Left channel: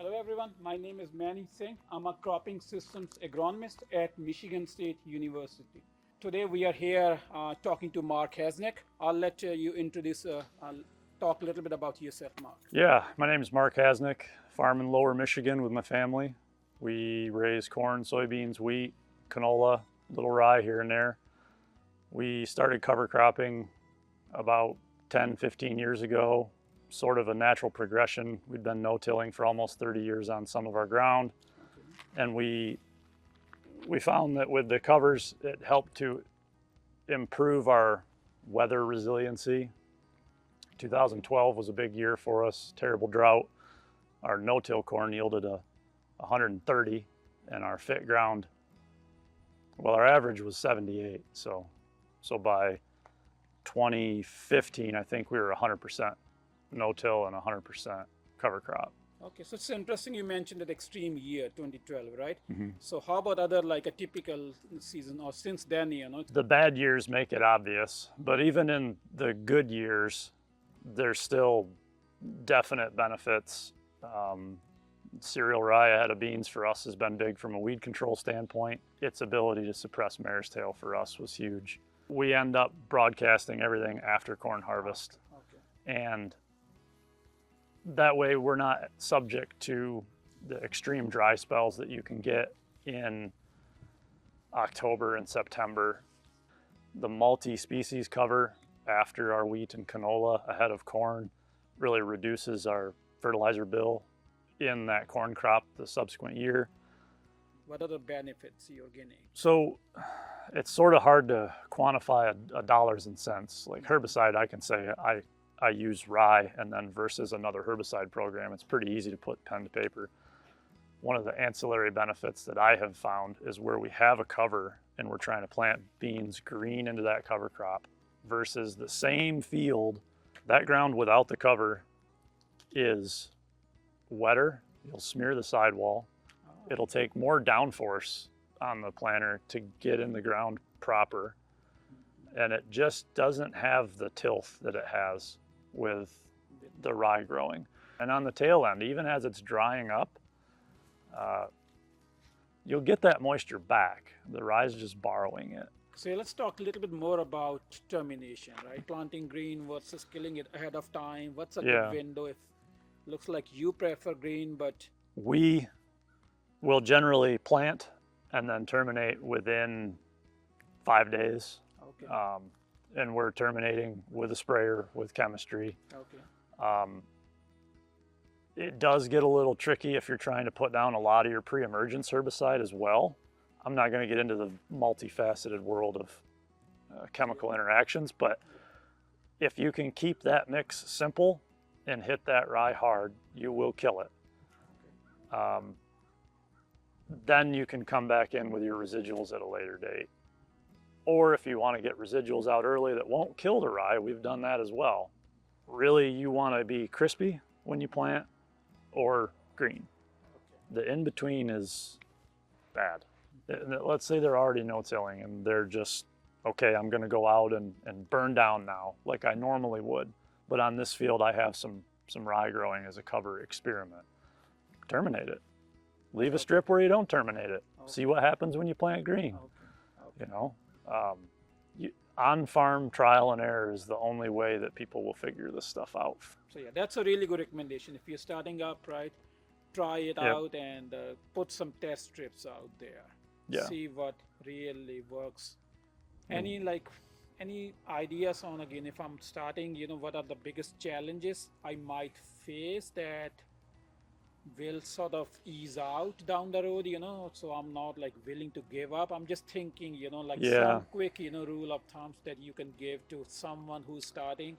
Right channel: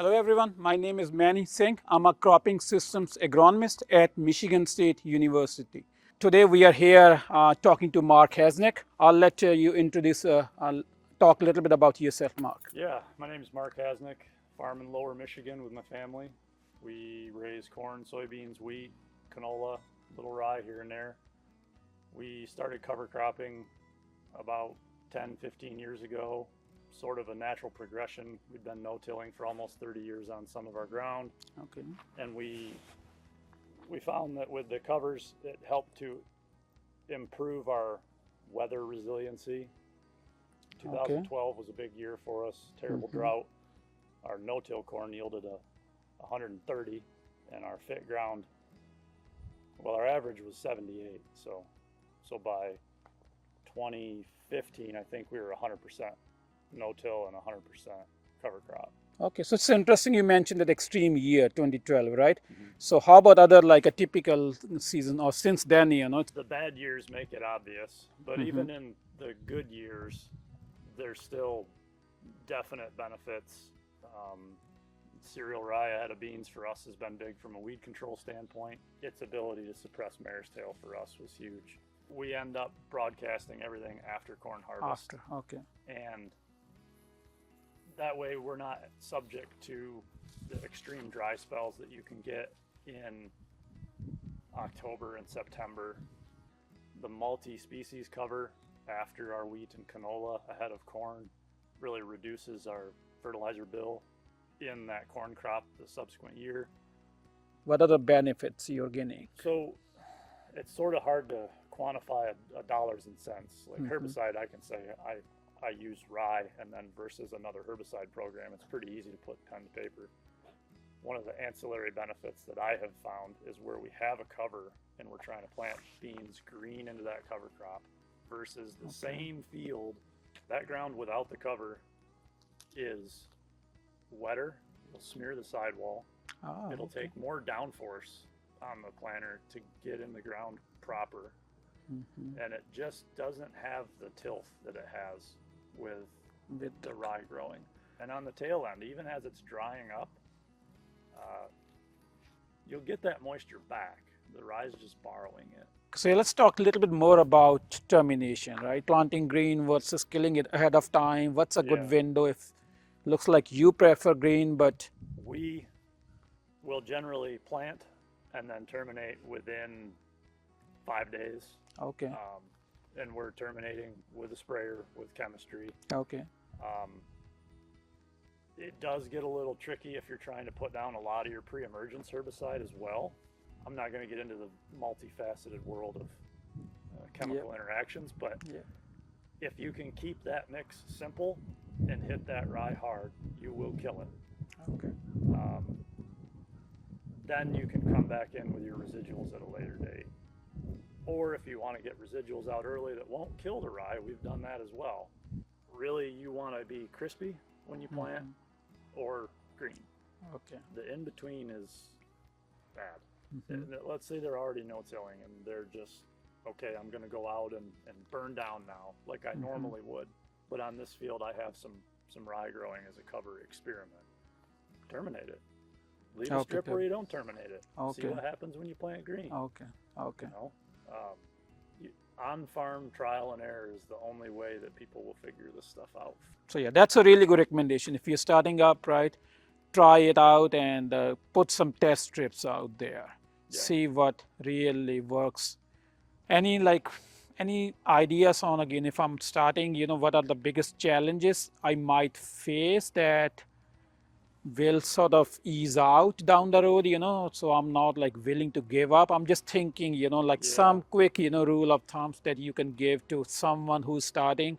Hello everyone, my name is Manni Singh. I'm a cropping systems agronomist at Michigan State University. Today we are here talking to Marc Hasenick. I'll let you introduce, I'll talk a little bit about yourself, Marc. Yeah, my name is Marc Hasenick, farm in Lower Michigan with my family. We raise corn, soybeans, wheat, canola, little rye here and there. We started cover cropping about 10, 15 years ago, sort of a natural progression. We'd been no-tilling for almost 30 years on some of our ground. Okay. And we found that with the covers, it helped to improve our weather resiliency. 2012 was a big year for us, terrible drought. Our no-till corn yielded 130, and our fit ground, well, our average was 78. So by 2015, I think we were 100% no-till and 100% cover crop. Okay, so it's interesting you mentioned that extreme year, 2012, right? So how about other, like a typical season, or since then, you know? The bad years make it obvious, but even in the good years, there's still definite benefits. Cereal rye ahead of beans for us has been big from a weed control standpoint. Its ability to suppress mare's tail for us was huge. We end up broadcasting everything after corn harvest. Okay. And that way we're not subject to the extreme dry spells that you can get in October and September. The multi-species cover after our wheat and canola ahead of corn really reduces our fertilizer bill in that corn crop the subsequent year. What are the benefits you're getting? So it's sort of hard to quantify a dollars and cents. Like herbicide, I can say I use rye, and then versus another herbicide program, it's pretty easy to put pen to paper. One of the ancillary benefits that I have found is where we have a cover and we're trying to plant beans green into that cover crop versus the same field, that ground without the cover is wetter. You'll smear the sidewall. It'll take more downforce on the planter to get in the ground proper. And it just doesn't have the tilth that it has with the rye growing. And on the tail end, even as it's drying up, you'll get that moisture back. The rye is just borrowing it. So let's talk a little bit more about termination, right? Planting green versus killing it ahead of time. What's a good window? If looks like you prefer green, but we will generally plant and then terminate within 5 days. Okay. And we're terminating with a sprayer with chemistry. Okay. It does get a little tricky if you're trying to put down a lot of your pre-emergence herbicide as well. I'm not going to get into the multifaceted world of chemical interactions, but if you can keep that mix simple and hit that rye hard, you will kill it. Okay. Then you can come back in with your residuals at a later date. Or if you want to get residuals out early that won't kill the rye, we've done that as well. Really, you want to be crispy when you plant or green. Okay. The in-between is bad. Let's say they're already no-tilling and they're just, okay, I'm going to go out and burn down now like I normally would. But on this field, I have some rye growing as a cover experiment. Terminate it. Leave a strip where you don't terminate it. See what happens when you plant green. Okay. Okay. You know, on-farm trial and error is the only way that people will figure this stuff out. So yeah, that's a really good recommendation. If you're starting up, right, try it out and put some test strips out there. See what really works. Any ideas on, again, if I'm starting, you know, what are the biggest challenges I might face that will sort of ease out down the road, you know, so I'm not like willing to give up. I'm just thinking, you know, like some quick, you know, rule of thumbs that you can give to someone who's starting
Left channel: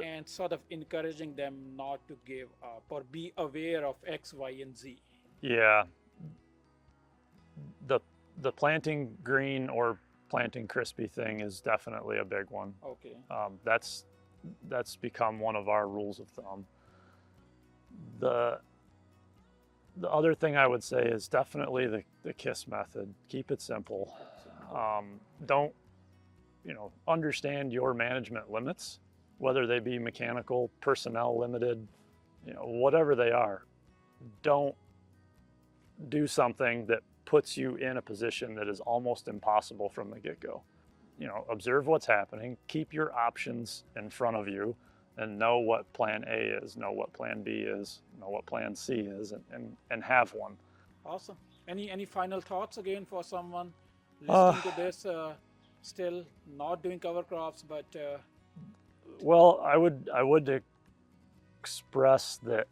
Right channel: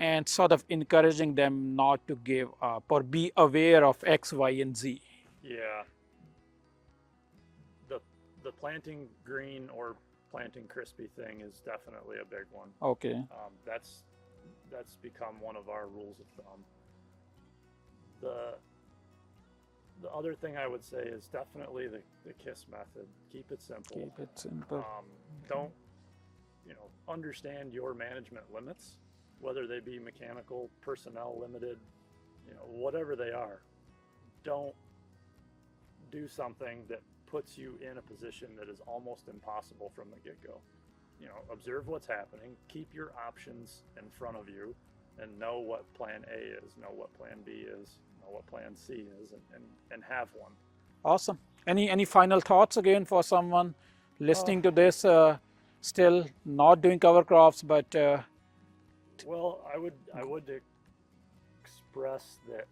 and sort of encouraging them not to give up or be aware of X, Y, and Z. Yeah. The planting green or planting crispy thing is definitely a big one. Okay. That's become one of our rules of thumb. The other thing I would say is definitely the KISS method. Keep it simple. Keep it simple. Don't, understand your management limits, whether they be mechanical, personnel limited, whatever they are. don't do something that puts you in a position that is almost impossible from the get-go. You know, observe what's happening, keep your options in front of you, and know what plan A is, know what plan B is, know what plan C is, and have one. Awesome. Any final thoughts again for someone listening to this, still not doing cover crops, but well, I would express that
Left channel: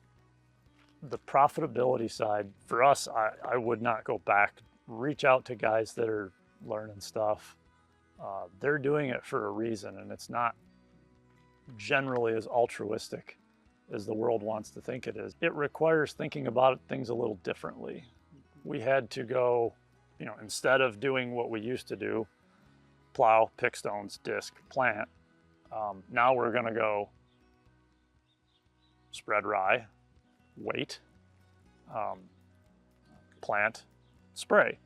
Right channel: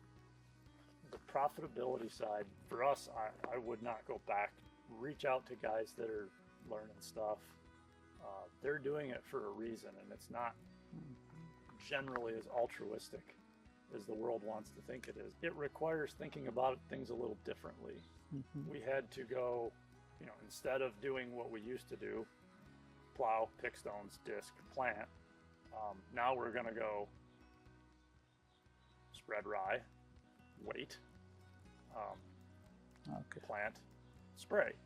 the profitability side for us, I would not go back. Reach out to guys that are learning stuff. They're doing it for a reason, and it's not generally as altruistic as the world wants to think it is. It requires thinking about things a little differently. We had to go, you know, instead of doing what we used to do, plow, pick stones, disc, plant, now we're going to go spread rye, wait, plant, spray.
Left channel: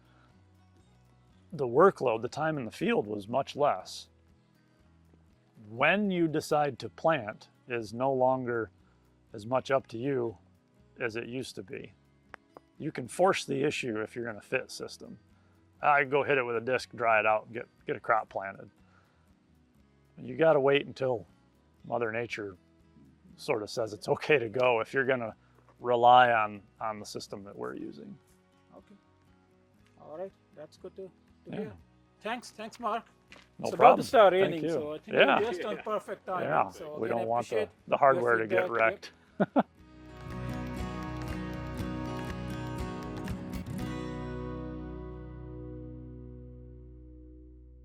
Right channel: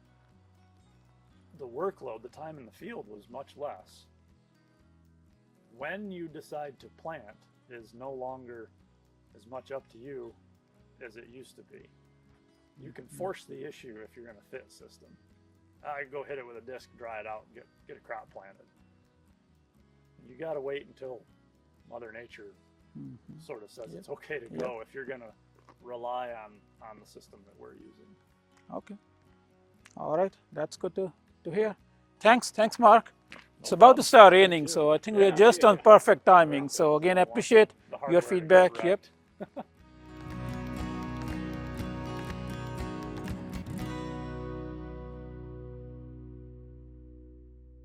The workload, the time in the field was much less. When you decide to plant is no longer as much up to you as it used to be. You can force the issue if you're in a fit system. I go hit it with a disc, dry it out, get a crop planted. You got to wait until Mother Nature sort of says it's okay to go if you're going to rely on the system that we're using. Okay. All right. That's good to hear. Thanks, Mark. It's No about problem. to start Thank raining, you. so I think Yeah. we're just on perfect timing. Yeah. So We again, don't I want appreciate the your hardware to get feedback. wrecked. Yep.